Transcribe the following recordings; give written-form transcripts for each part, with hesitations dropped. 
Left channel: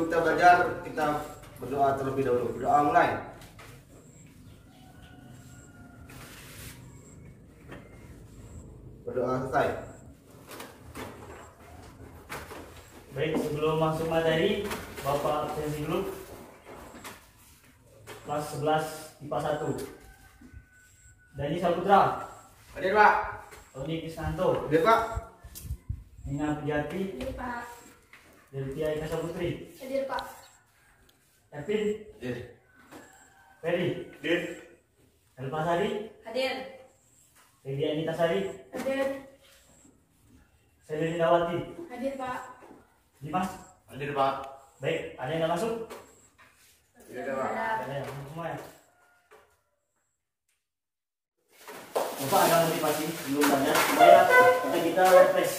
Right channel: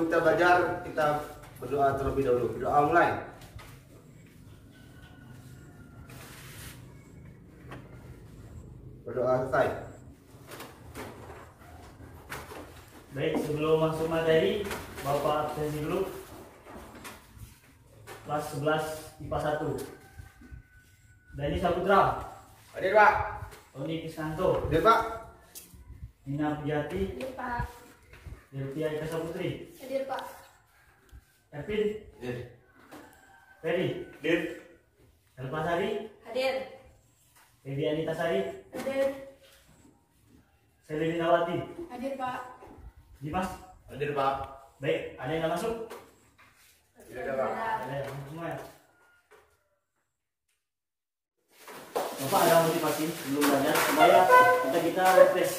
sebelum kita belajar, kita berdoa terlebih dahulu. Berdoa mulai. Berdoa selesai. Baik, sebelum masuk materi, Bapak absensi dulu. Kelas 11 IPA 1. Dani Saputra. Hadir, Pak. Tony Krisnanto. Hadir, Pak. Nina Piati. Hadir, Pak. Delvia Ika Saputri. Hadir, Pak. Ervin. Hadir. Ferry. Hadir. Elva Sari. Hadir. Lady Anita Sari. Hadir. Selina Wati. Hadir, Pak. Dimas. Hadir, Pak. Baik, ada yang nggak masuk? Hadir, Pak. Ada yang masuk semua ya? Bapak ada motivasi belum banyak supaya kita refresh.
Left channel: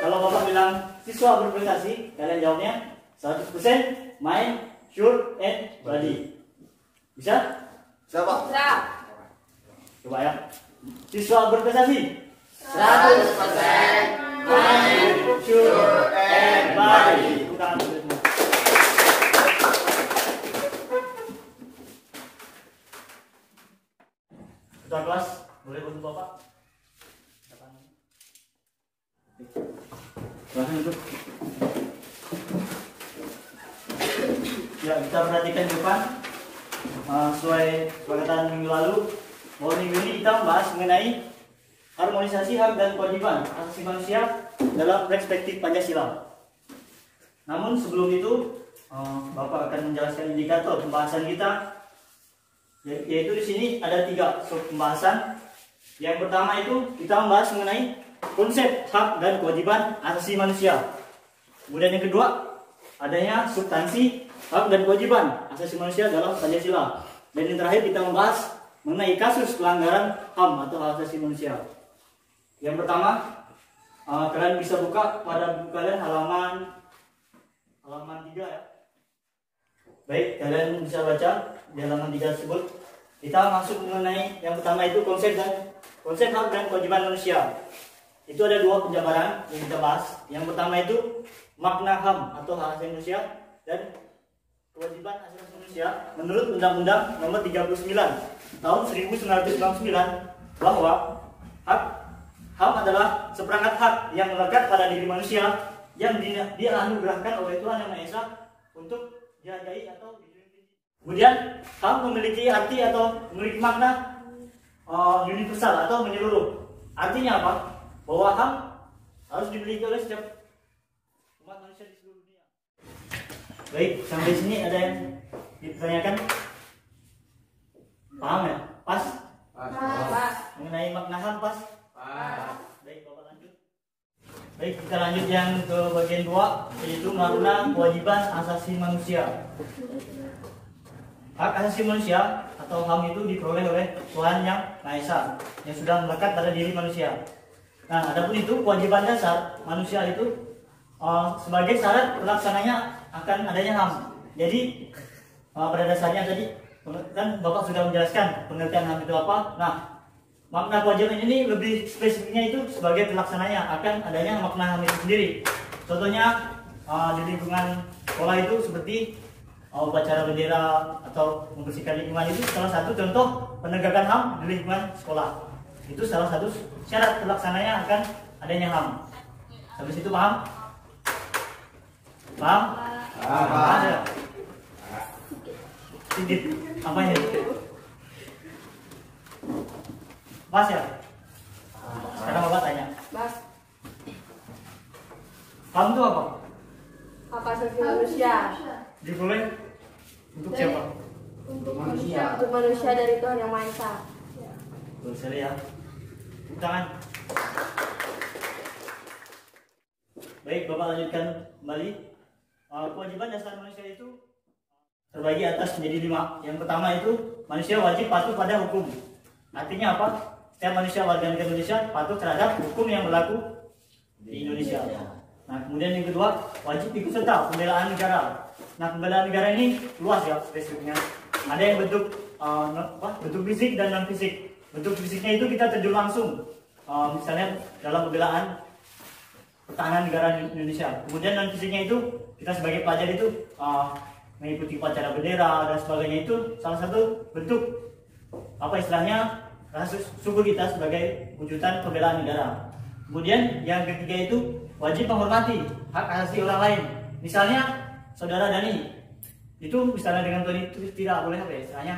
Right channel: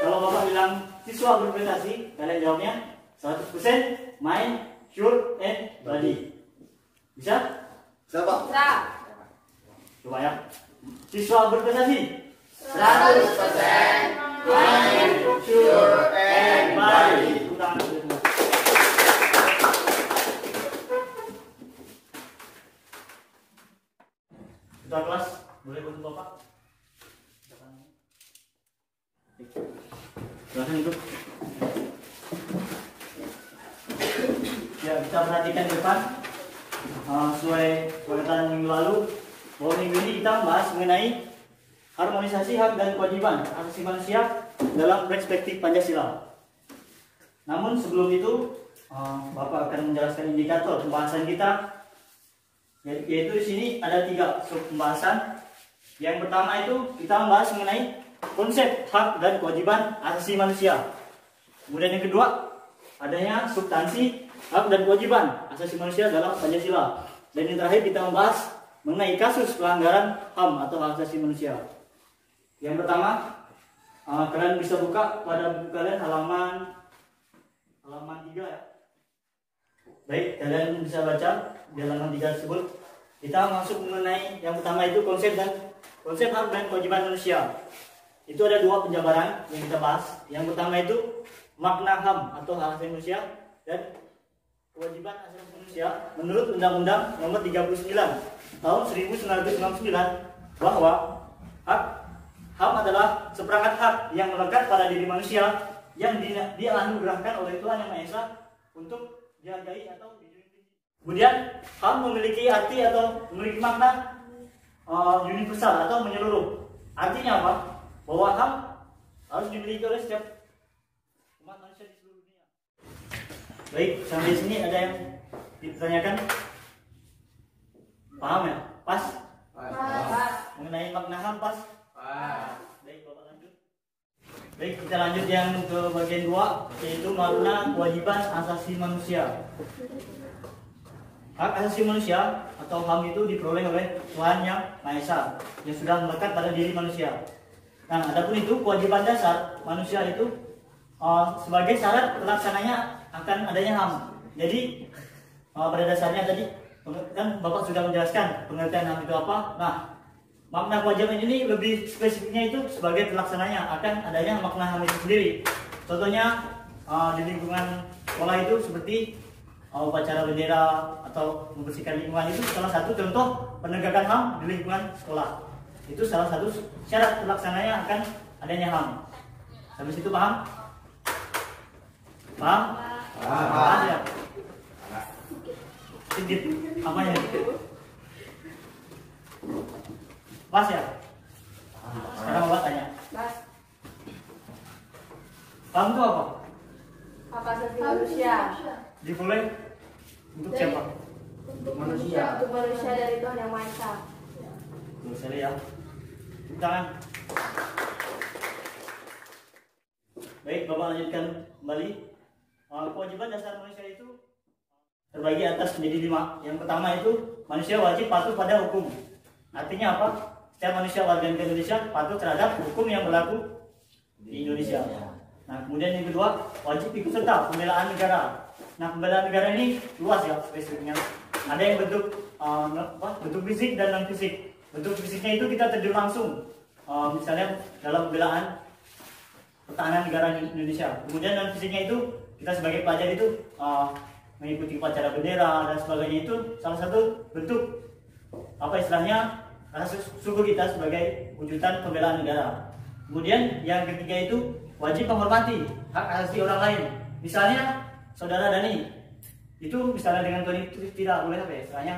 Kalau Bapak bilang siswa berprestasi, kalian jawabnya 100% mind, sure, and body. Bisa? Bisa, Pak. Putra. Coba ya. Siswa berprestasi 100% mind, sure, and body. Tepuk tangan untuk semua. Ketua kelas, boleh untuk Bapak? Silahkan duduk. Ya, kita perhatikan di depan. Sesuai perkataan minggu lalu, bahwa minggu ini kita membahas mengenai harmonisasi hak dan kewajiban asasi manusia dalam perspektif Pancasila. Namun sebelum itu, Bapak akan menjelaskan indikator pembahasan kita, yaitu di sini ada 3 sub pembahasan. Yang pertama itu kita membahas mengenai konsep hak dan kewajiban asasi manusia. Kemudian yang kedua, adanya substansi hak dan kewajiban asasi manusia dalam Pancasila. Dan yang terakhir kita membahas mengenai kasus pelanggaran HAM atau hak asasi manusia. Yang pertama, kalian bisa buka pada buku kalian halaman 3 ya. Baik, kalian bisa baca di halaman 3 tersebut. Kita masuk mengenai yang pertama itu konsep hak dan kewajiban manusia. Itu ada 2 penjabaran yang kita bahas. Yang pertama itu makna HAM atau hak asasi manusia dan kewajiban asasi manusia menurut Undang-Undang Nomor 39 Tahun 1999 bahwa HAM adalah seperangkat hak yang melekat pada diri manusia yang dianugerahkan oleh Tuhan Yang Maha Esa untuk dihargai atau dilindungi. Kemudian HAM memiliki arti atau memiliki makna universal atau menyeluruh. Artinya apa? Bahwa HAM harus dimiliki oleh setiap umat manusia di seluruh dunia. Baik, sampai sini ada yang ditanyakan? Paham ya? Pas? Mengenai makna HAM pas? Baik, Bapak lanjut. Baik, kita lanjut yang ke bagian 2, yaitu makna kewajiban asasi manusia. Hak asasi manusia atau HAM itu diperoleh oleh Tuhan Yang Maha Esa yang sudah melekat pada diri manusia. Nah, adapun itu kewajiban dasar manusia itu sebagai syarat pelaksananya akan adanya HAM. Jadi pada dasarnya tadi kan Bapak sudah menjelaskan pengertian HAM itu apa. Nah, makna kewajiban ini lebih spesifiknya itu sebagai pelaksananya akan adanya makna HAM itu sendiri. Contohnya di lingkungan sekolah itu seperti upacara bendera atau membersihkan lingkungan itu salah satu contoh penegakan HAM di lingkungan sekolah. Itu salah satu syarat pelaksananya akan adanya HAM. Sampai situ paham? Paham? Ada? Sedikit apanya? Mas ya? Sekarang Bapak tanya. Mas, HAM itu apa? hak asasi manusia. Diperoleh untuk siapa? Untuk manusia. Untuk manusia dari Tuhan Yang Maha Esa. Tuh, saya ya. Tepuk tangan. Baik, Bapak lanjutkan kembali. Kewajiban dasar manusia itu terbagi atas menjadi 5. Yang pertama itu manusia wajib patuh pada hukum. Artinya apa? Setiap manusia warga negara Indonesia patuh terhadap hukum yang berlaku di Indonesia. Nah, kemudian yang kedua, wajib ikut serta pembelaan negara. Nah, pembelaan negara ini luas ya spesifiknya. Ada yang bentuk fisik dan non fisik. Bentuk fisiknya itu kita terjun langsung, misalnya dalam pembelaan pertahanan negara Indonesia. Kemudian non fisiknya itu kita sebagai pelajar itu mengikuti upacara bendera dan sebagainya, itu salah satu bentuk apa istilahnya rasa syukur kita sebagai wujudan pembelaan negara. Kemudian yang ketiga itu wajib menghormati hak asasi orang lain. Misalnya saudara Dani itu misalnya dengan Tony itu tidak boleh apa ya, istilahnya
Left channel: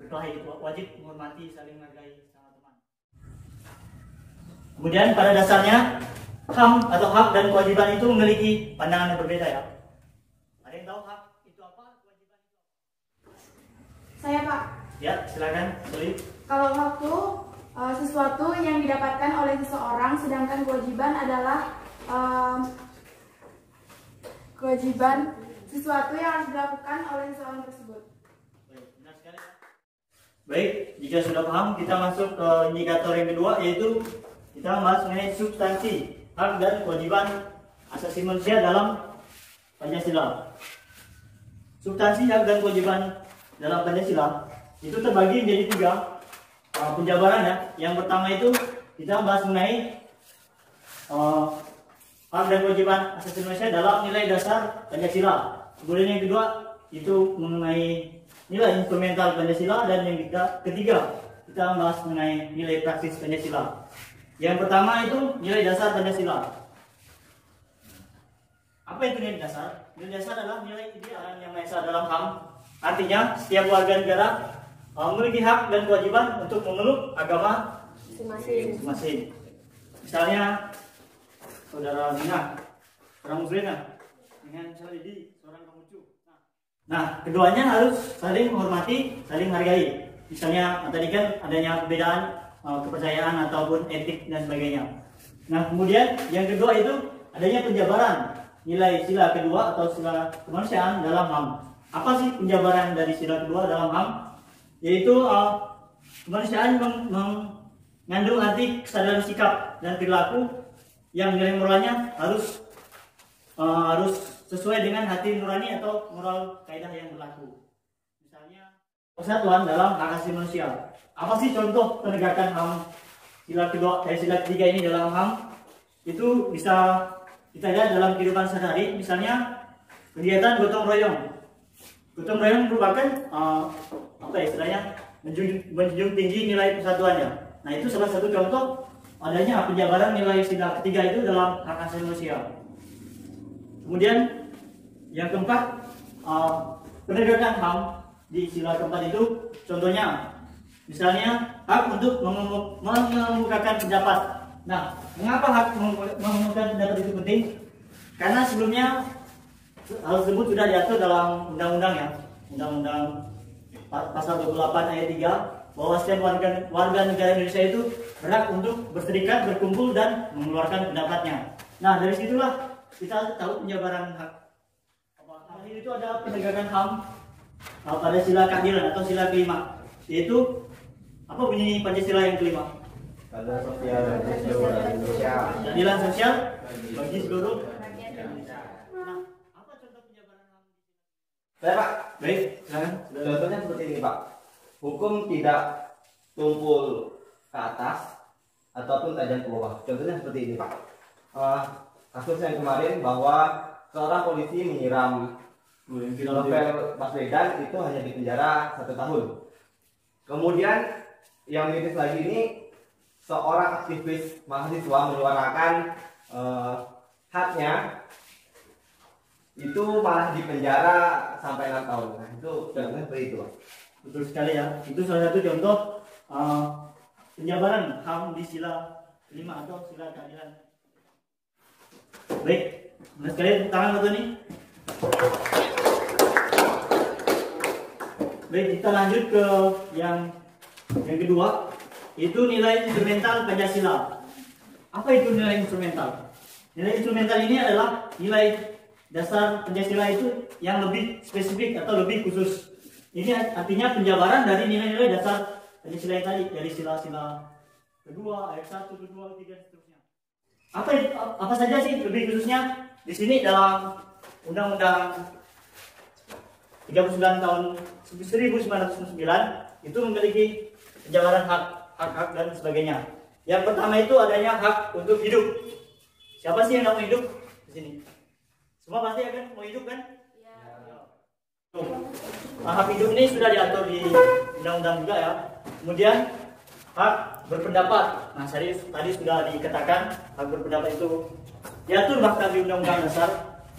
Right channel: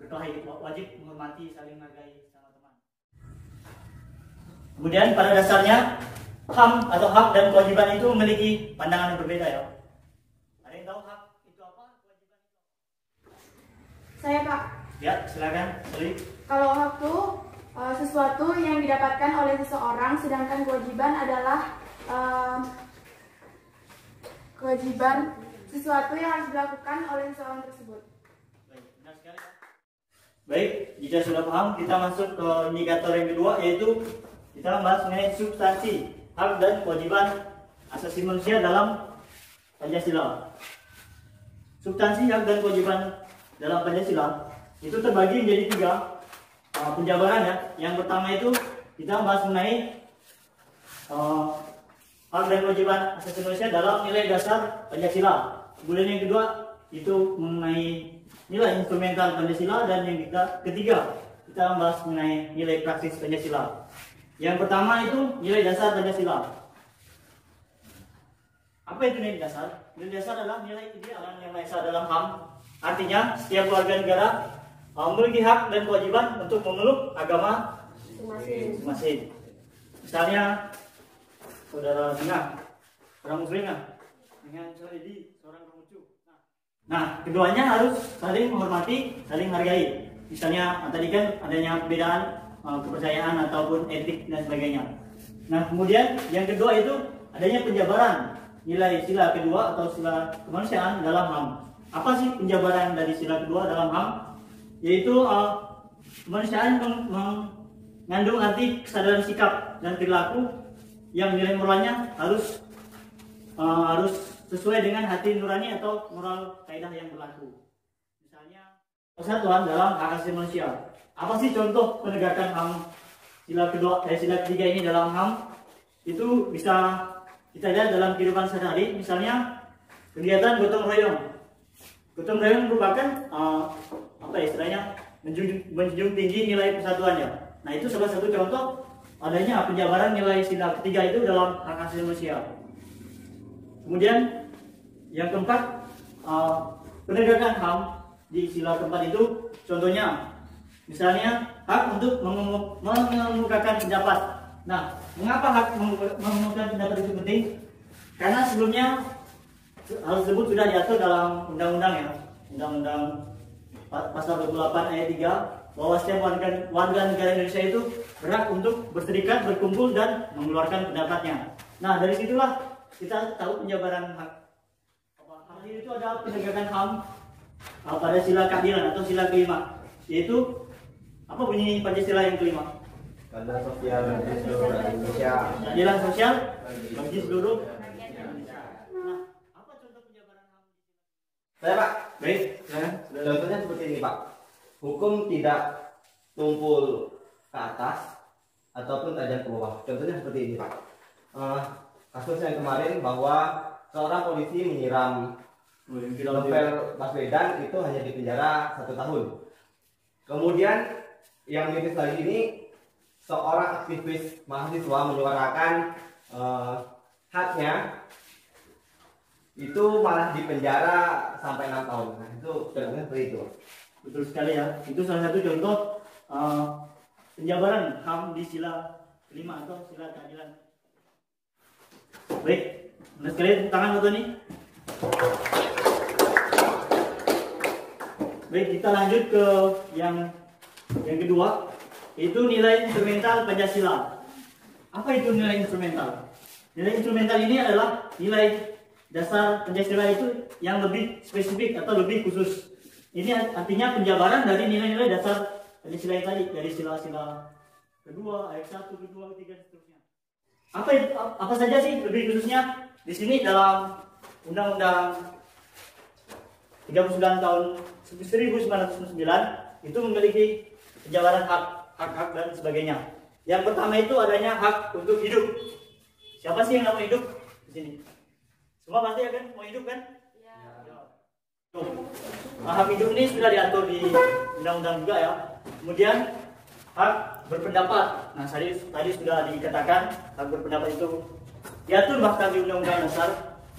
berkelahi, wajib menghormati, saling menghargai sama teman. Kemudian pada dasarnya HAM atau hak dan kewajiban itu memiliki pandangan yang berbeda ya. Ada yang tahu hak itu apa, kewajiban itu apa? Saya Pak. Ya, silakan. Sorry. Kalau hak itu sesuatu yang didapatkan oleh seseorang, sedangkan kewajiban adalah kewajiban sesuatu yang harus dilakukan oleh seseorang tersebut. Baik, benar sekali. Baik, jika sudah paham, kita masuk ke indikator yang kedua, yaitu kita membahas mengenai substansi hak dan kewajiban asasi manusia dalam Pancasila. Substansi hak dan kewajiban dalam Pancasila itu terbagi menjadi tiga penjabaran ya. Yang pertama itu kita membahas mengenai hak dan kewajiban asasi manusia dalam nilai dasar Pancasila. Kemudian yang kedua itu mengenai nilai instrumental Pancasila, dan yang ketiga kita membahas mengenai nilai praktis Pancasila. Yang pertama itu nilai dasar Pancasila. Apa itu nilai dasar? Nilai dasar adalah nilai idealan yang maha esa dalam HAM. Artinya setiap warga negara memiliki hak dan kewajiban untuk memeluk agama masing-masing. Misalnya saudara Dina, orang Muslim ya, dengan saudara Edi, seorang Konghucu. Nah, keduanya harus saling menghormati, saling menghargai. Misalnya tadi kan adanya perbedaan kepercayaan ataupun etik dan sebagainya. Nah, kemudian yang kedua itu adanya penjabaran nilai sila kedua atau sila kemanusiaan dalam HAM. Apa sih penjabaran dari sila kedua dalam HAM? Yaitu kemanusiaan mengandung arti kesadaran sikap dan perilaku yang nilai moralnya harus sesuai dengan hati nurani atau moral kaidah yang berlaku. Misalnya persatuan dalam hak asasi manusia. Apa sih contoh penegakan HAM sila kedua sila ketiga ini dalam HAM? Itu bisa kita lihat dalam kehidupan sehari-hari. Misalnya kegiatan gotong royong. Gotong royong merupakan apa istilahnya menjunjung tinggi nilai persatuannya. Nah, itu salah satu contoh adanya penjabaran nilai sila ketiga itu dalam hak asasi manusia. Kemudian yang keempat, penegakan HAM di sila keempat itu contohnya misalnya hak untuk mengemukakan pendapat. Nah, mengapa hak mengemukakan pendapat itu penting? Karena sebelumnya hal tersebut sudah diatur dalam undang-undang ya, Undang-Undang Pasal 28 ayat 3, bahwa setiap warga negara Indonesia itu berhak untuk berserikat, berkumpul dan mengeluarkan pendapatnya. Nah, dari situlah kita tahu penjabaran hak. Terakhir itu ada penegakan HAM pada sila keadilan atau sila kelima, yaitu apa bunyi Pancasila yang kelima? Keadilan sosial bagi seluruh rakyat Indonesia. Keadilan sosial bagi seluruh rakyat Indonesia. Nah, apa contoh penjabaran HAM? Saya Pak, Baik, contohnya seperti ini Pak. Hukum tidak tumpul ke atas ataupun tajam ke bawah. Contohnya seperti ini Pak. Kasus yang kemarin bahwa seorang polisi menyiram Novel Baswedan itu hanya dipenjara 1 tahun. Kemudian yang miris lagi ini, seorang aktivis mahasiswa menyuarakan haknya, itu malah dipenjara sampai 6 tahun. Nah, itu contohnya seperti itu. betul sekali ya. Itu salah satu contoh penjabaran HAM di sila kelima atau sila keadilan. Baik, benar sekali, tangan betul nih. Baik, kita lanjut ke yang kedua, itu nilai instrumental Pancasila. Apa itu nilai instrumental? Nilai instrumental ini adalah nilai dasar Pancasila itu yang lebih spesifik atau lebih khusus. Ini artinya penjabaran dari nilai-nilai dasar Pancasila yang tadi, dari sila-sila kedua, ayat 1, 2, 3, seterusnya. Apa saja sih lebih khususnya? Di sini dalam Undang-Undang 39 tahun 1999 itu memiliki penjabaran hak dan sebagainya. Yang pertama itu adanya hak untuk hidup. Siapa sih yang nggak mau hidup di sini? Semua pasti akan mau hidup kan? Ya. Hak hidup ini sudah diatur di undang-undang juga ya. Kemudian hak berpendapat. Nah, tadi sudah dikatakan hak berpendapat itu diatur bahkan di Undang-Undang Dasar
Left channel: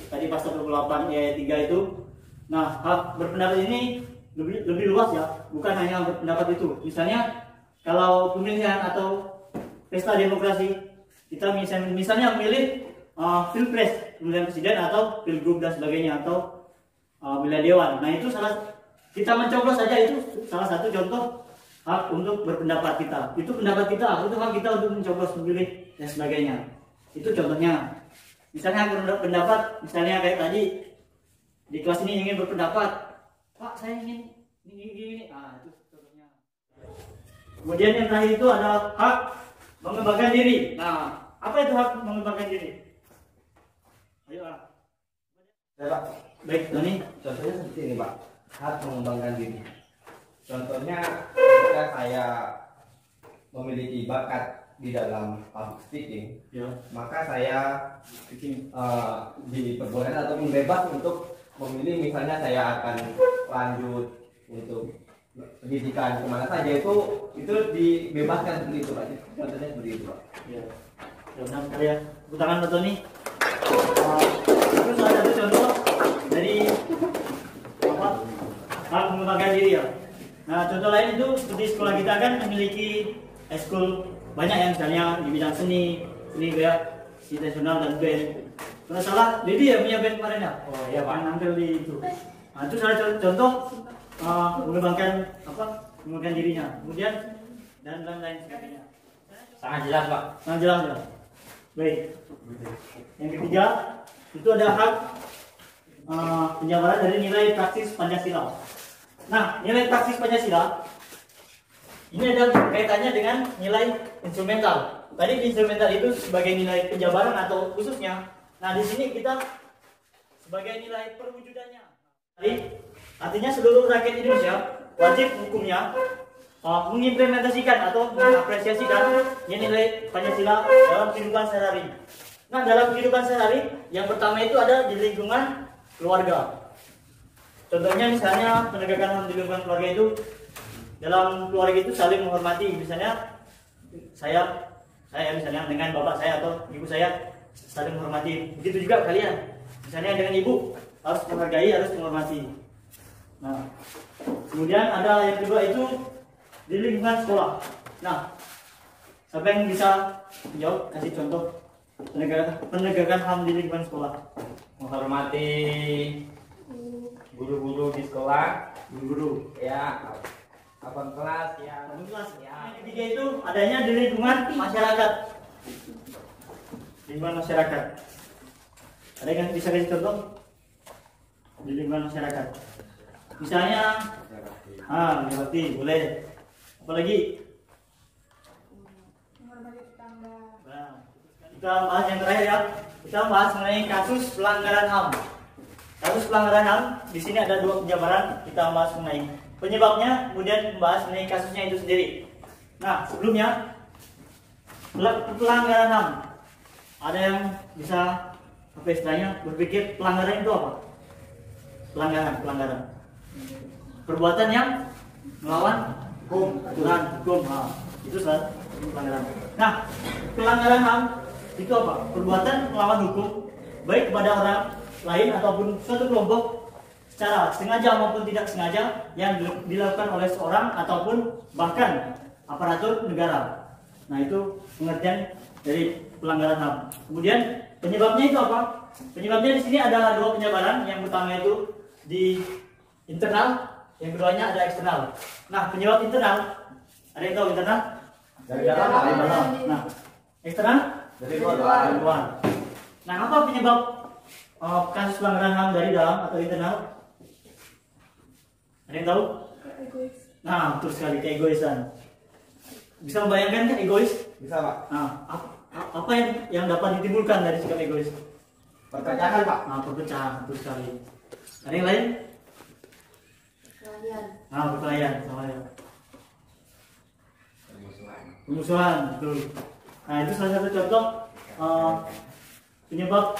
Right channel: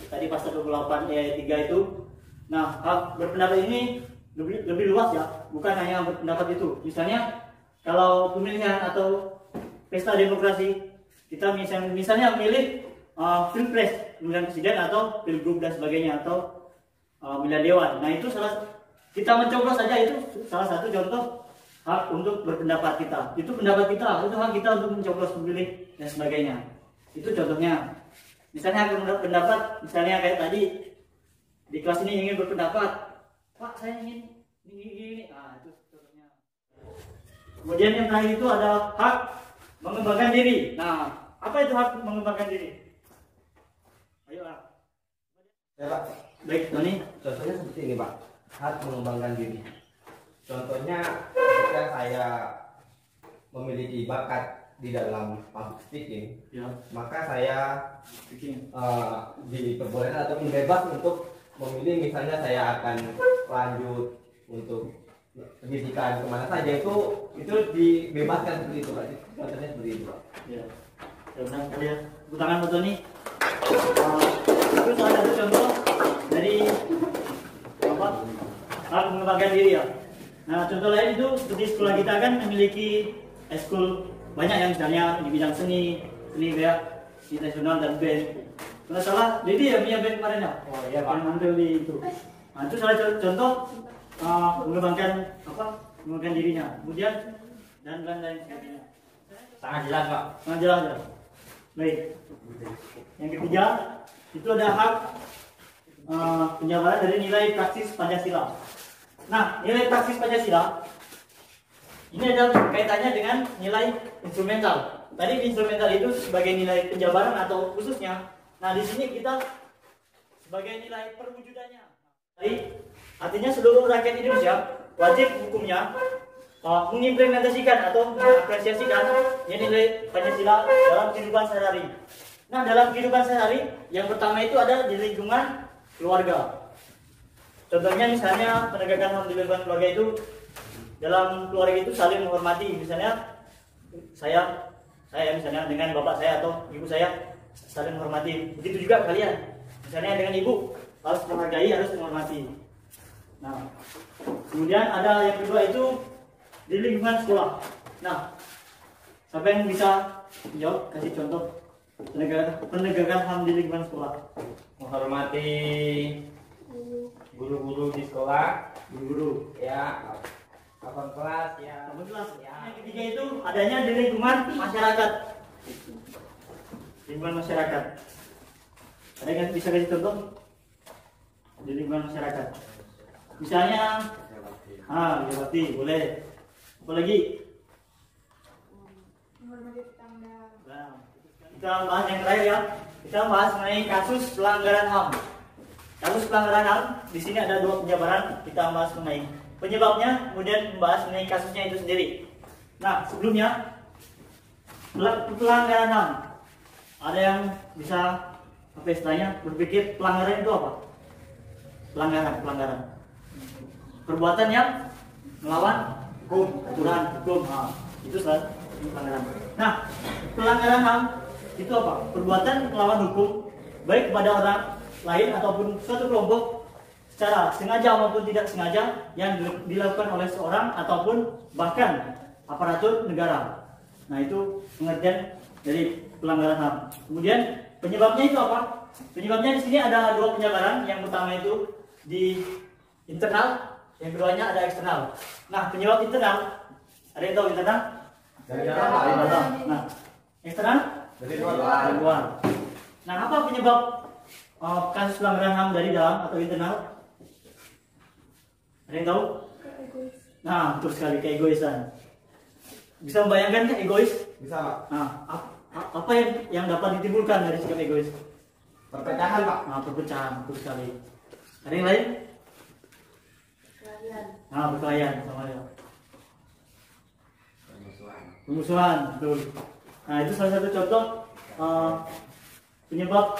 tadi pasal 28 ayat 3 itu. Nah, hak berpendapat ini lebih luas ya, bukan hanya berpendapat itu. Misalnya kalau pemilihan atau pesta demokrasi, kita misalnya memilih pilpres, pemilihan presiden atau pilgub dan sebagainya, atau pemilihan dewan. Nah, itu kita mencoblos saja, itu salah satu contoh hak untuk berpendapat kita. Itu pendapat kita, itu hak kita untuk mencoblos, memilih dan sebagainya. Itu contohnya. Misalnya hak pendapat, misalnya kayak tadi di kelas ini ingin berpendapat, Pak saya ingin ini. Itu contohnya. Kemudian yang terakhir itu ada hak mengembangkan diri. Nah, apa itu hak mengembangkan diri? Ayo Pak. Ya Pak. Baik, Tony. Contohnya seperti ini Pak, hak mengembangkan diri. Contohnya ketika saya memiliki bakat di dalam public speaking, Ya. maka saya diperbolehkan ataupun bebas untuk memilih, misalnya saya akan lanjut untuk pendidikan kemana saja, itu dibebaskan seperti itu Pak. Contohnya seperti itu Pak. Ya. Ya, benar ya. Tepuk tangan Pak Tony. Itu salah satu contoh dari apa? Hak mengembangkan diri ya. Nah, contoh lain itu seperti sekolah kita kan memiliki ekskul banyak yang misalnya di bidang seni kayak situasional dan band. Kalau salah, Lady ya punya band kemarin ya? Oh iya Pak. Yang nampil di itu. Nah, itu salah satu contoh mengembangkan dirinya. Kemudian dan lain-lain sebagainya. Sangat jelas Pak. Sangat jelas ya. Baik. Yang ketiga itu ada hak penjabaran dari nilai praksis Pancasila. Nah, nilai praksis Pancasila ini ada kaitannya dengan nilai instrumental. Tadi di instrumental itu sebagai nilai penjabaran atau khususnya. Nah, di sini kita sebagai nilai perwujudannya. Jadi, artinya seluruh rakyat Indonesia wajib hukumnya mengimplementasikan atau mengapresiasikan nilai Pancasila dalam kehidupan sehari-hari. Nah, dalam kehidupan sehari-hari yang pertama itu ada di lingkungan keluarga. Contohnya misalnya penegakan HAM di lingkungan keluarga itu, dalam keluarga itu saling menghormati. Misalnya saya misalnya dengan bapak saya atau ibu saya saling menghormati. Begitu juga kalian. Misalnya dengan ibu harus menghargai, harus menghormati. Nah, kemudian ada yang kedua itu di lingkungan sekolah. Nah, siapa yang bisa menjawab, kasih contoh penegakan HAM di lingkungan sekolah? Menghormati guru-guru di sekolah, Guru-guru. ya, abang kelas, ya. Yang ketiga itu adanya di lingkungan masyarakat. Lingkungan masyarakat. Ada yang bisa kasih contoh di lingkungan masyarakat? Misalnya, jabati, boleh. Apalagi? Menghormati tetangga. Nah, kita bahas yang terakhir ya. Kita bahas mengenai kasus pelanggaran HAM. Kasus pelanggaran HAM, di sini ada dua penjabaran. Kita bahas mengenai penyebabnya, kemudian membahas mengenai kasusnya itu sendiri. Nah, sebelumnya pelanggaran HAM. Ada yang bisa apa istilahnya berpikir pelanggaran itu apa? Pelanggaran. Perbuatan yang melawan aturan hukum. Nah, itu salah pelanggaran. Nah, pelanggaran HAM itu apa? Perbuatan melawan hukum baik kepada orang lain ataupun suatu kelompok secara sengaja maupun tidak sengaja yang dilakukan oleh seorang ataupun bahkan aparatur negara. Nah, itu pengertian dari pelanggaran HAM. Kemudian penyebabnya itu apa? Penyebabnya di sini ada dua penjabaran. Yang pertama itu di internal, yang keduanya ada eksternal. Nah, penyebab internal, ada yang tahu internal? Dari dalam Pak. Dari dalam. Nah, eksternal? Dari luar. Dari luar. Nah, apa penyebab kasus pelanggaran HAM dari dalam atau internal? Ada yang tahu? Egois. Nah, betul sekali, keegoisan. Bisa membayangkan kan egois? Bisa Pak. Nah, apa yang dapat ditimbulkan dari sikap egois? Perpecahan Pak. Nah, perpecahan, betul sekali. Ada yang lain? Kalian. Nah, perkelahian, sama ya. Pemusuhan, betul. Nah, itu salah satu contoh penyebab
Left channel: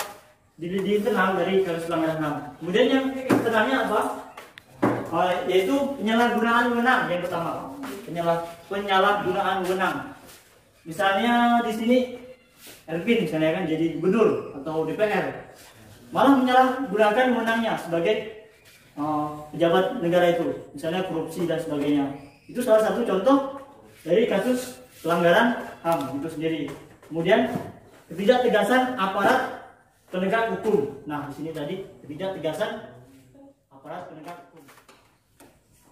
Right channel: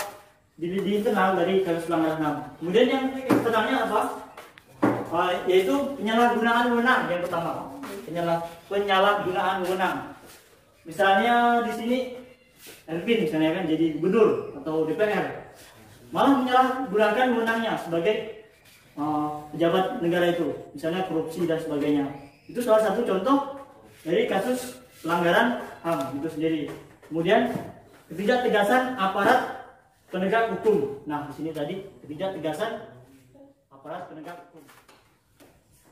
di internal dari kasus pelanggaran HAM. Kemudian yang pertama apa? Yaitu penyalahgunaan wewenang yang pertama. Penyalahgunaan wewenang. Misalnya di sini Elvin misalnya kan jadi gubernur atau DPR, malah menyalahgunakan wewenangnya sebagai pejabat negara itu, misalnya korupsi dan sebagainya. Itu salah satu contoh dari kasus pelanggaran HAM itu sendiri. Kemudian ketidaktegasan aparat penegak hukum. Nah, di sini tadi ketidaktegasan aparat penegak hukum.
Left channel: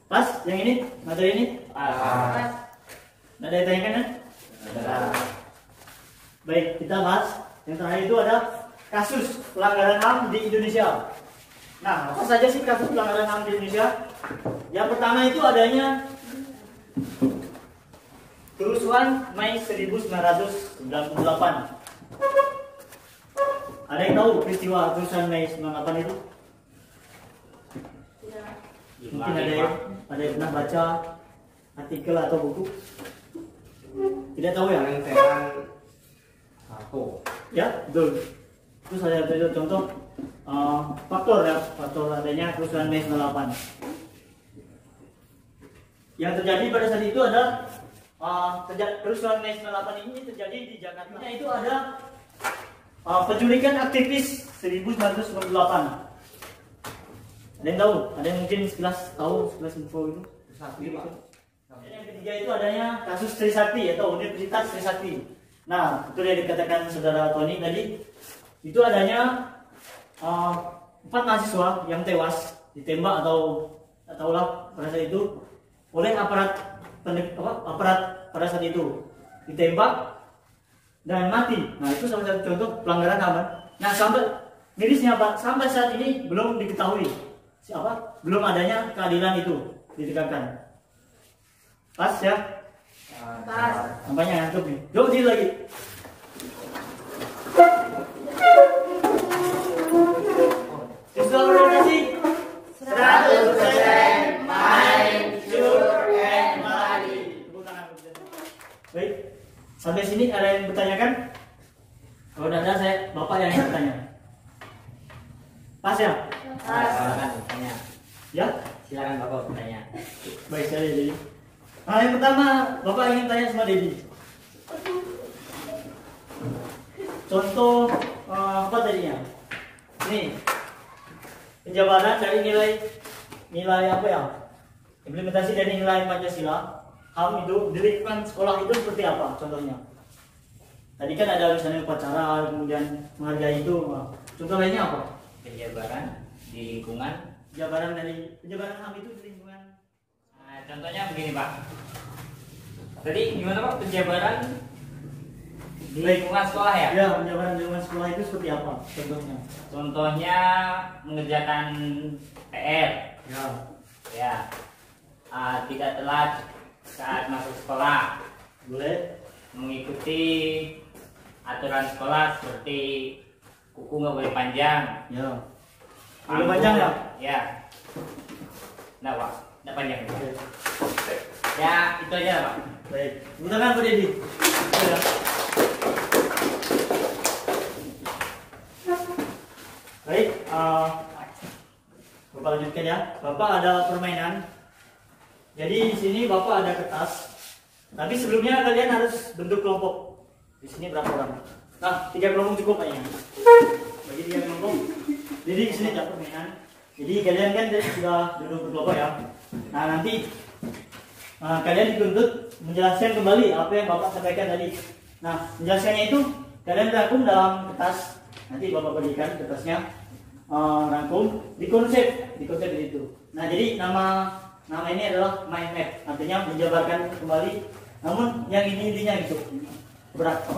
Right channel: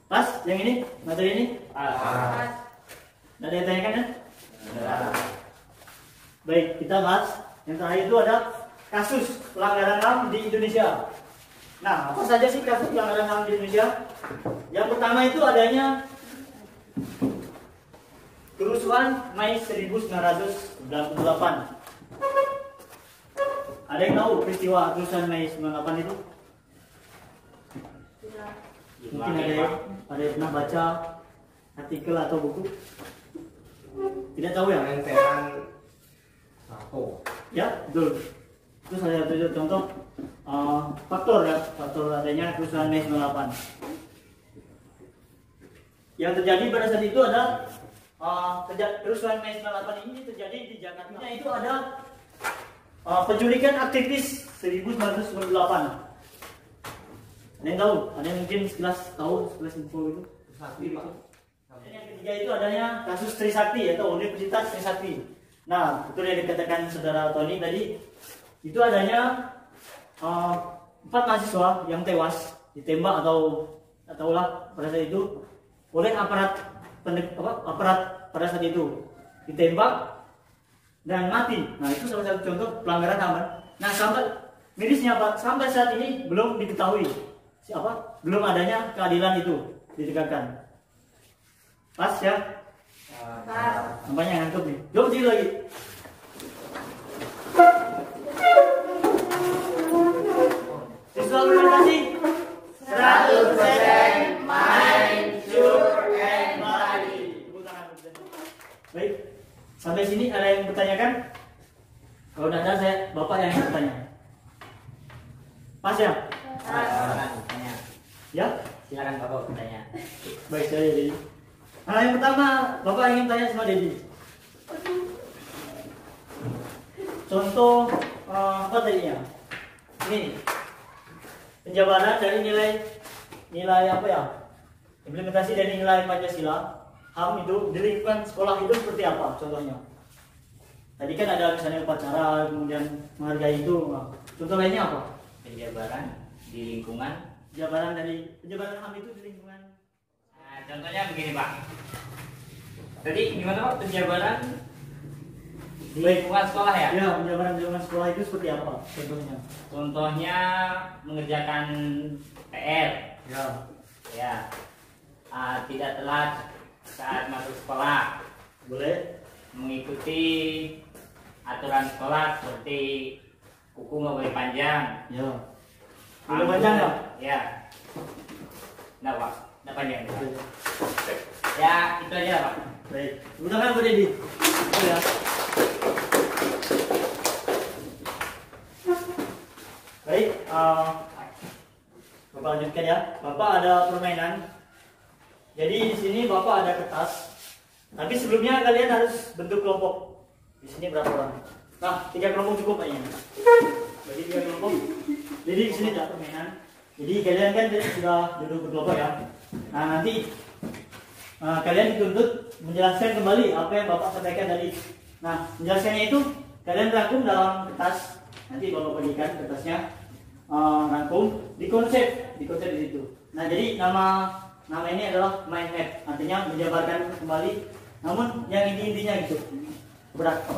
Pas yang ini, materi ini? Pas. Nggak ada yang tanyakan ya? Baik, kita bahas yang terakhir itu ada kasus pelanggaran HAM di Indonesia. Nah, apa saja sih kasus pelanggaran HAM di Indonesia? Yang pertama itu adanya kerusuhan Mei 1998. Ada yang tahu peristiwa kerusuhan Mei 98 itu? Mungkin ada yang pernah baca artikel atau buku? Tidak tahu ya? Ya, betul. Itu saya contoh faktor adanya kerusuhan Mei 98. Yang terjadi pada saat itu adalah kerusuhan Mei 98 ini terjadi di Jakarta. Itu ada penculikan aktivis 1998. Ada yang tahu? Ada yang mungkin sekelas tahu, sekelas info itu? Yang ketiga itu adanya kasus Trisakti atau Universitas Trisakti. Nah, betul yang dikatakan saudara Tony tadi, itu adanya 4 mahasiswa yang tewas ditembak ataulah pada saat itu oleh aparat pada saat itu ditembak dan mati. Nah, itu salah satu contoh pelanggaran HAM. Nah, sampai mirisnya Pak, sampai saat ini belum diketahui belum adanya keadilan itu ditegakkan. Pas ya? Nampaknya ngantuk nih. Coba diri lagi. Siswa organisasi 100% main, sure, and mari. Tepuk tangan. Baik, sampai sini ada yang bertanyakan? Kalau tidak ada, Bapak yang bertanya. Pas ya? Silakan bertanya. Ya? Silakan Bapak bertanya. Baik, saya Dedi. Nah, yang pertama Bapak ingin tanya sama Dedi. Contoh apa tadinya? Ini penjabaran dari nilai apa ya? Implementasi dari nilai Pancasila HAM itu di lingkungan sekolah itu seperti apa contohnya? Tadi kan ada misalnya upacara, kemudian menghargai itu. Contoh lainnya apa? Penjabaran di lingkungan. Penjabaran HAM itu di lingkungan. Nah, contohnya begini Pak. Tadi gimana Pak penjabaran di lingkungan sekolah ya? Ya, penjabaran di lingkungan sekolah itu seperti apa contohnya? Contohnya mengerjakan PR. Ya. Ya. Tidak telat saat masuk sekolah. Boleh. Mengikuti aturan sekolah seperti kuku nggak boleh panjang. Ya. Boleh panjang ya? Ya. Nggak Pak, nggak panjang. Oke. Ya itu aja Pak. Baik. Silakan Bu Dedi. Ya. Baik. Bapak lanjutkan ya. Bapak ada permainan. Jadi di sini Bapak ada kertas. Tapi sebelumnya kalian harus bentuk kelompok. Di sini berapa orang? Nah, 3 kelompok cukup kayaknya. Bagi 3 kelompok. Jadi di sini ada permainan. Jadi kalian kan sudah duduk berkelompok ya. Nah, nanti kalian dituntut menjelaskan kembali apa yang Bapak sampaikan tadi. Nah, menjelaskannya itu kalian rangkum dalam kertas. Nanti Bapak bagikan kertasnya. Rangkum di konsep di situ. Nah, jadi nama ini adalah mind map, artinya menjabarkan kembali. Namun yang intinya gitu.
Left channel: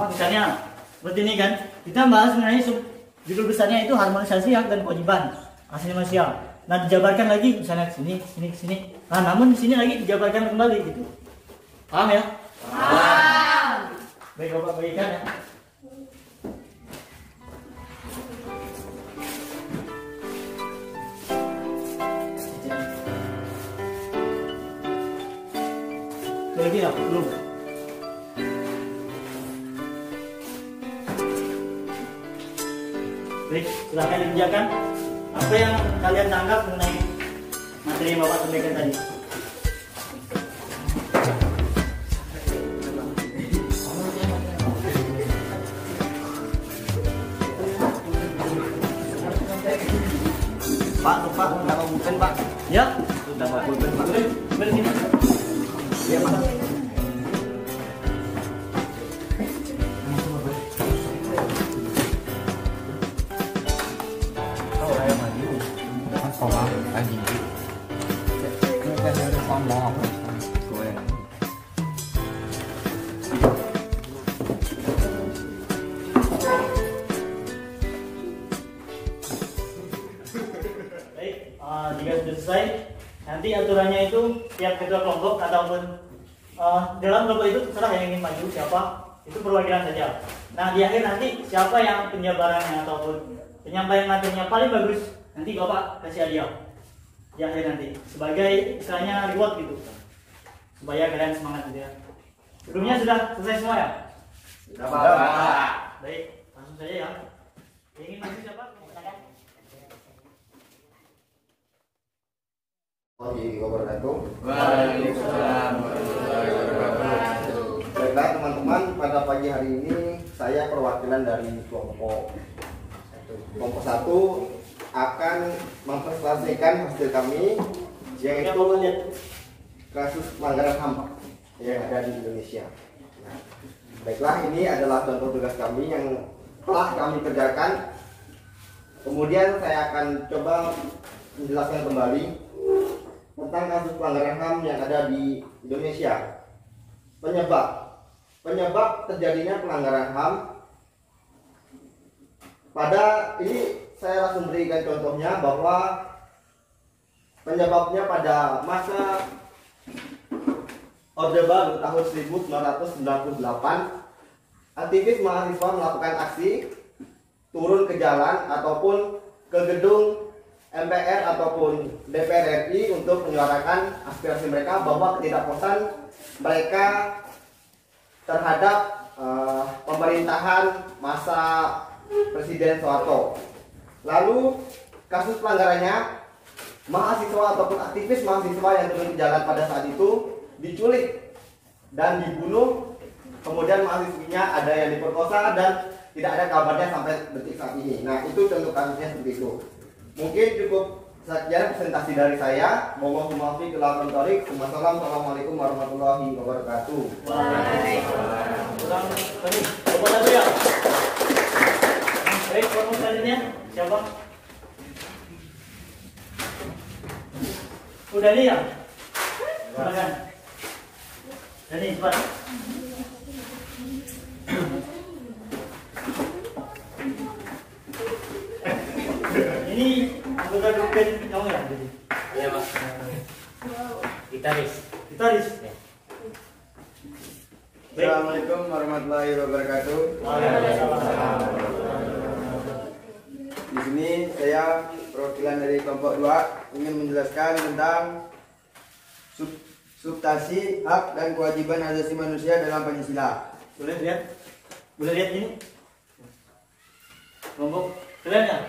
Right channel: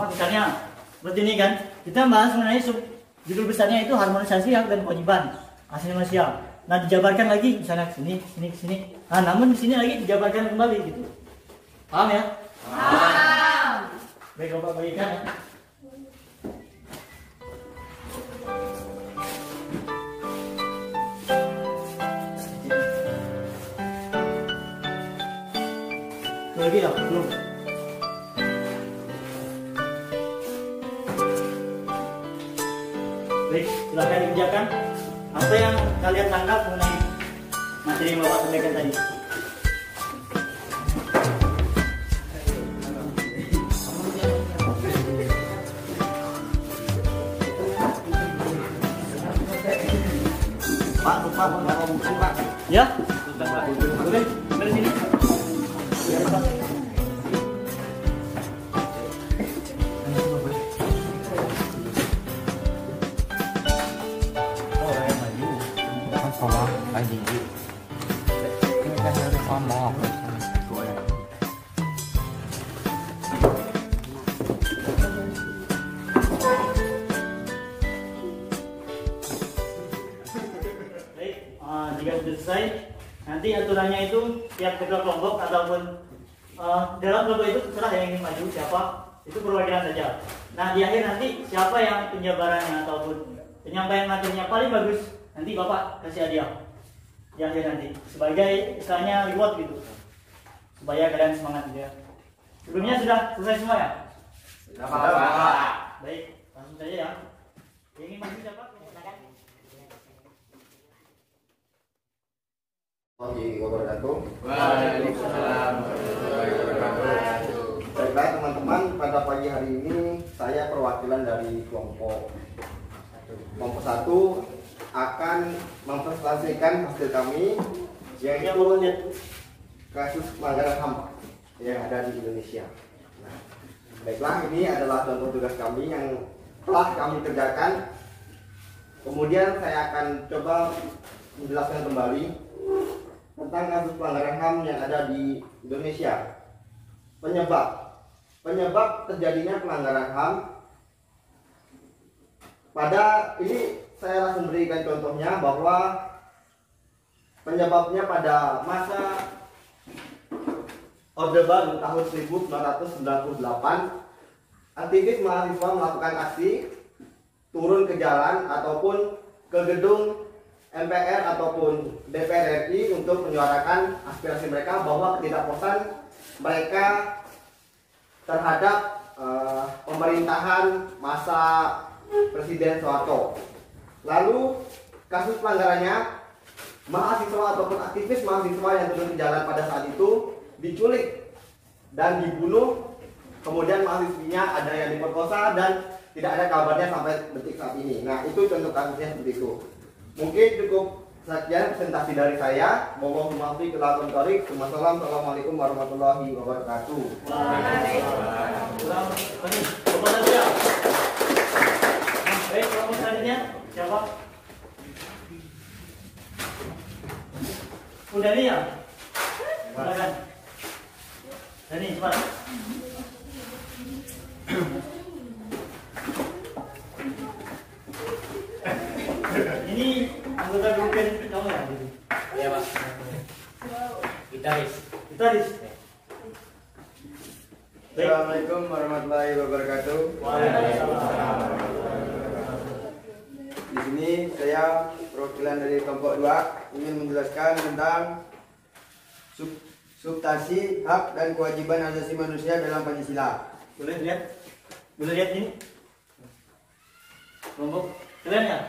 Misalnya seperti ini kan, kita bahas mengenai judul besarnya itu harmonisasi hak dan kewajiban asasi manusia. Nah, dijabarkan lagi misalnya sini. Nah, namun di sini lagi dijabarkan kembali gitu. Paham ya? Paham. Baik, Bapak bagikan ya. Lagi ya? Belum? Baik, silahkan dikerjakan. Apa yang kalian tangkap mengenai materi yang Bapak sampaikan tadi? Pak, tepat nggak mau bukan Pak. Ya? Oke, dari sini. Ya, Pak. Sekolah lagi kan harus ngomong gue Baik, jika sudah selesai, nanti aturannya itu tiap ketua kelompok ataupun dalam kelompok itu terserah yang ingin maju siapa, itu perwakilan saja. Nah di akhir nanti siapa yang penjabarannya ataupun penyampaian materinya paling bagus, nanti Bapak kasih hadiah di akhir nanti sebagai istilahnya reward gitu, supaya kalian semangat gitu ya. Sebelumnya sudah selesai semua ya? Baik, langsung saja ya. Yang ingin maju siapa? Silakan. Warahmatullahi wabarakatuh. Waalaikumsalam. Baiklah teman-teman, pada pagi hari ini saya perwakilan dari kelompok 1 akan mempresentasikan hasil kami, yaitu kasus pelanggaran HAM yang ada di Indonesia. Nah, baiklah, ini adalah contoh tugas kami yang telah kami kerjakan. Kemudian saya akan coba menjelaskan kembali tentang kasus pelanggaran HAM yang ada di Indonesia. Penyebab terjadinya pelanggaran HAM pada ini saya langsung berikan contohnya bahwa penyebabnya pada masa Orde Baru tahun 1998, aktivis mahasiswa melakukan aksi turun ke jalan ataupun ke gedung MPR ataupun DPR RI untuk menyuarakan aspirasi mereka bahwa ketidakpuasan mereka terhadap pemerintahan masa Presiden Soeharto. Lalu kasus pelanggarannya, mahasiswa ataupun aktivis mahasiswa yang turun ke jalan pada saat itu diculik dan dibunuh. Kemudian mahasiswinya ada yang diperkosa dan tidak ada kabarnya sampai detik saat ini. Nah, itu contoh kasusnya seperti itu. Mungkin cukup sekian presentasi dari saya. Mohon maaf bila tertarik. Wassalamualaikum warahmatullahi wabarakatuh. Waalaikumsalam. Bapak satu ya. Baik, kelompok selanjutnya siapa? Udah nih ya? Silakan. Dani, cepat. Ini anggota grup band kamu ya? Iya Pak. Gitaris. Gitaris. Assalamualaikum warahmatullahi wabarakatuh. Waalaikumsalam. Di sini saya perwakilan dari kelompok 2 ingin menjelaskan tentang substansi hak dan kewajiban asasi manusia dalam Pancasila. Boleh lihat? Boleh lihat ini? Kelompok keren ya?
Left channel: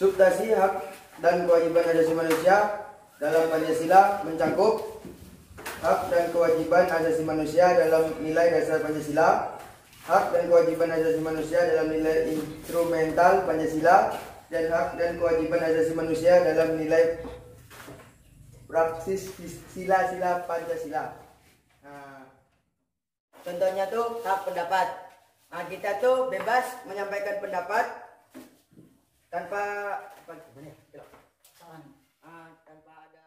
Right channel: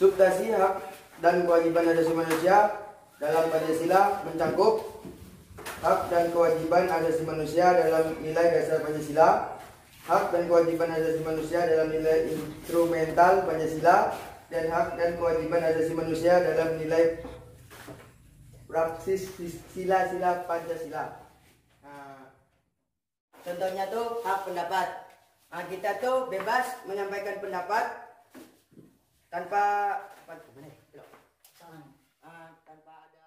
Substansi hak dan kewajiban asasi manusia dalam Pancasila mencakup hak dan kewajiban asasi manusia dalam nilai dasar Pancasila, hak dan kewajiban asasi manusia dalam nilai instrumental Pancasila, dan hak dan kewajiban asasi manusia dalam nilai praksis sila-sila Pancasila. Nah, contohnya tuh hak pendapat. Nah, kita tuh bebas menyampaikan pendapat tanpa tanpa ada.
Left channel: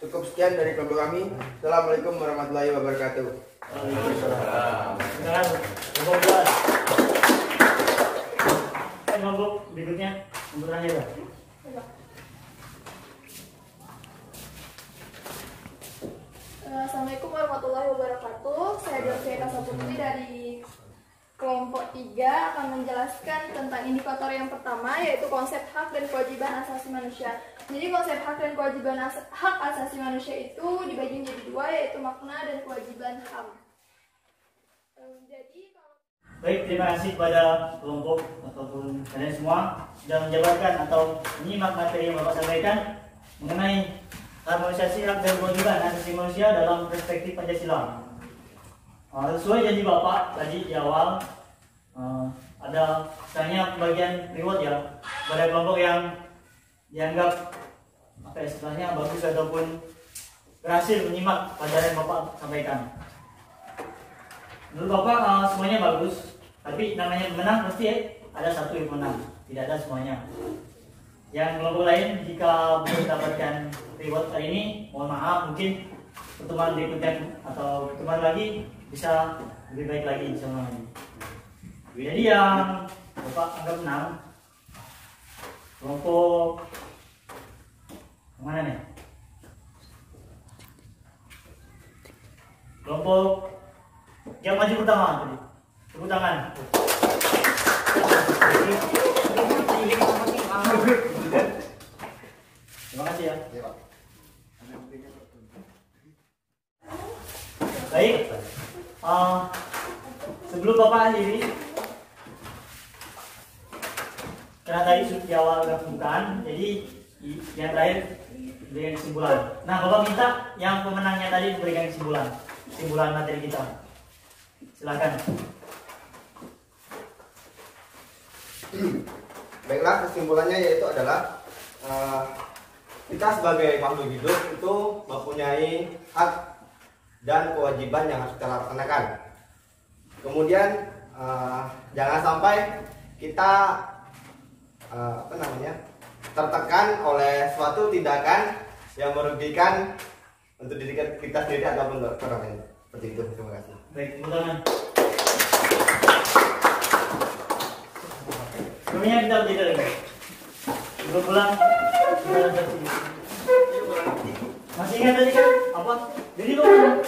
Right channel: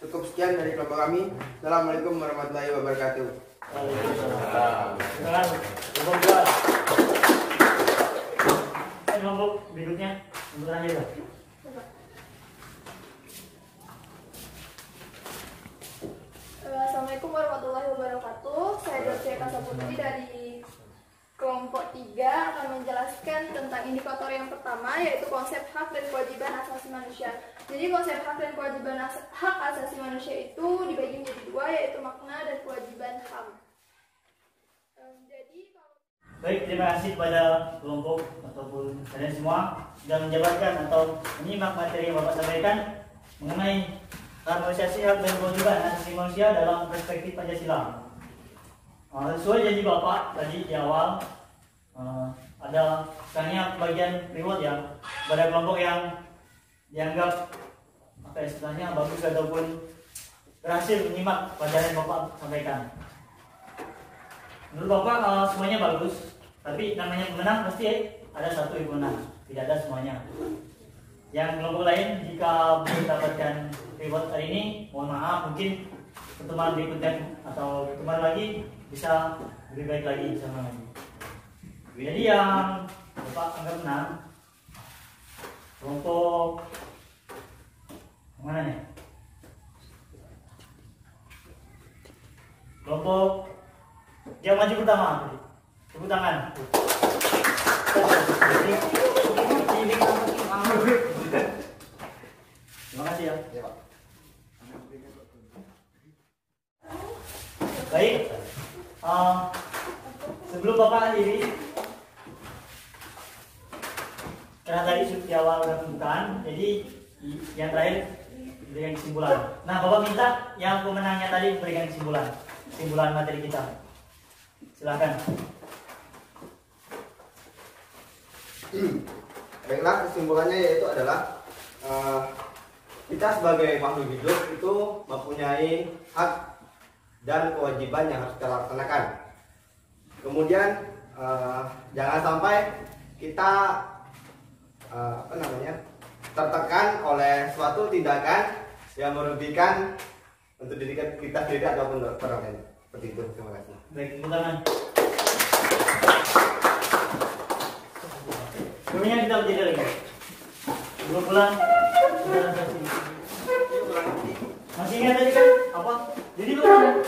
Cukup sekian dari kelompok kami. Assalamualaikum warahmatullahi wabarakatuh. Silakan, kelompok 2. Kelompok berikutnya, nomor terakhir ya. Assalamualaikum warahmatullahi wabarakatuh. Saya Dr. Kasa Putri dari kelompok 3 akan menjelaskan tentang indikator yang pertama, yaitu konsep hak dan kewajiban asasi manusia. Jadi konsep hak dan kewajiban hak asasi manusia itu dibagi menjadi 2, yaitu makna dan kewajiban HAM. Jadi Baik, terima kasih kepada kelompok ataupun kalian semua sudah menjabarkan atau menyimak materi yang Bapak sampaikan mengenai harmonisasi hak dan kewajiban asasi manusia dalam perspektif Pancasila. Sesuai janji Bapak tadi di awal, ada istilahnya bagian reward ya pada kelompok yang dianggap apa istilahnya bagus ataupun berhasil menyimak pelajaran yang Bapak sampaikan. Menurut Bapak semuanya bagus, tapi namanya menang pasti ada satu yang menang, tidak ada semuanya. Yang kelompok lain jika belum mendapatkan reward hari ini, mohon maaf, mungkin pertemuan berikutnya atau pertemuan lagi bisa lebih baik lagi sama lagi. Jadi yang Bapak anggap menang, kelompok mana nih? Kelompok yang maju pertama tadi. Tepuk tangan. Terima kasih ya. Baik. Sebelum Bapak akhiri, karena tadi di awal sudah pembukaan, jadi yang terakhir berikan kesimpulan. Nah, Bapak minta yang pemenangnya tadi memberikan kesimpulan materi kita. Silakan. Baiklah, kesimpulannya yaitu adalah kita sebagai makhluk hidup itu mempunyai hak dan kewajiban yang harus kita laksanakan. Kemudian jangan sampai kita tertekan oleh suatu tindakan yang merugikan untuk diri kita sendiri ataupun orang lain. Seperti itu. Terima kasih. Baik, tepuk tangan. Sebelumnya kita berdiri lagi. Sebelum pulang, kita refleksi. Masih ingat tadi kan? Apa? Jadi lu mana?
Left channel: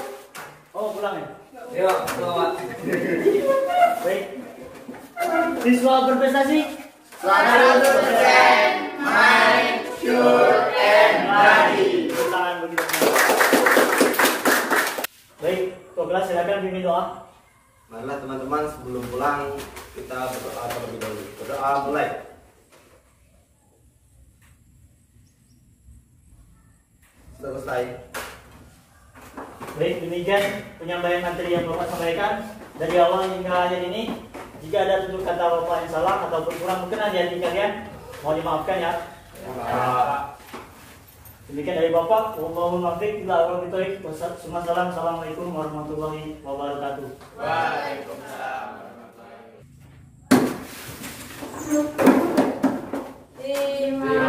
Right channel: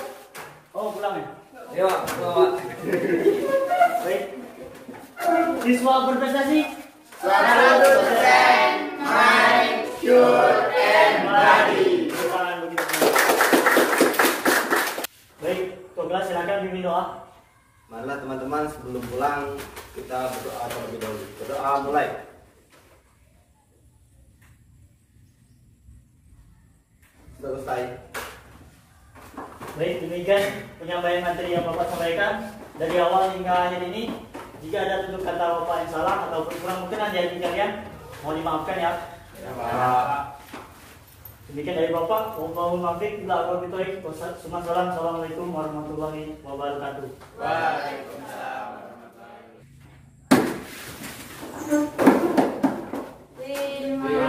Oh, pulang ya? Iya, Pak. Baik. Siswa berprestasi? 100% mind, shoot, and body. Tepuk tangan begitu. Baik, Tok kelas silakan bimbing doa. Marilah teman-teman sebelum pulang kita berdoa terlebih dahulu. Berdoa mulai. Selesai. Baik, demikian penyampaian materi yang Bapak sampaikan dari awal hingga akhir ini. Jika ada tutur kata Bapak yang salah ataupun kurang berkenan di hati kalian, mohon dimaafkan ya. Demikian dari Bapak. Wallahul muwaffiq ila aqwamit thoriq. Wassalamualaikum warahmatullahi wabarakatuh. Waalaikumsalam warahmatullahi wabarakatuh. Terima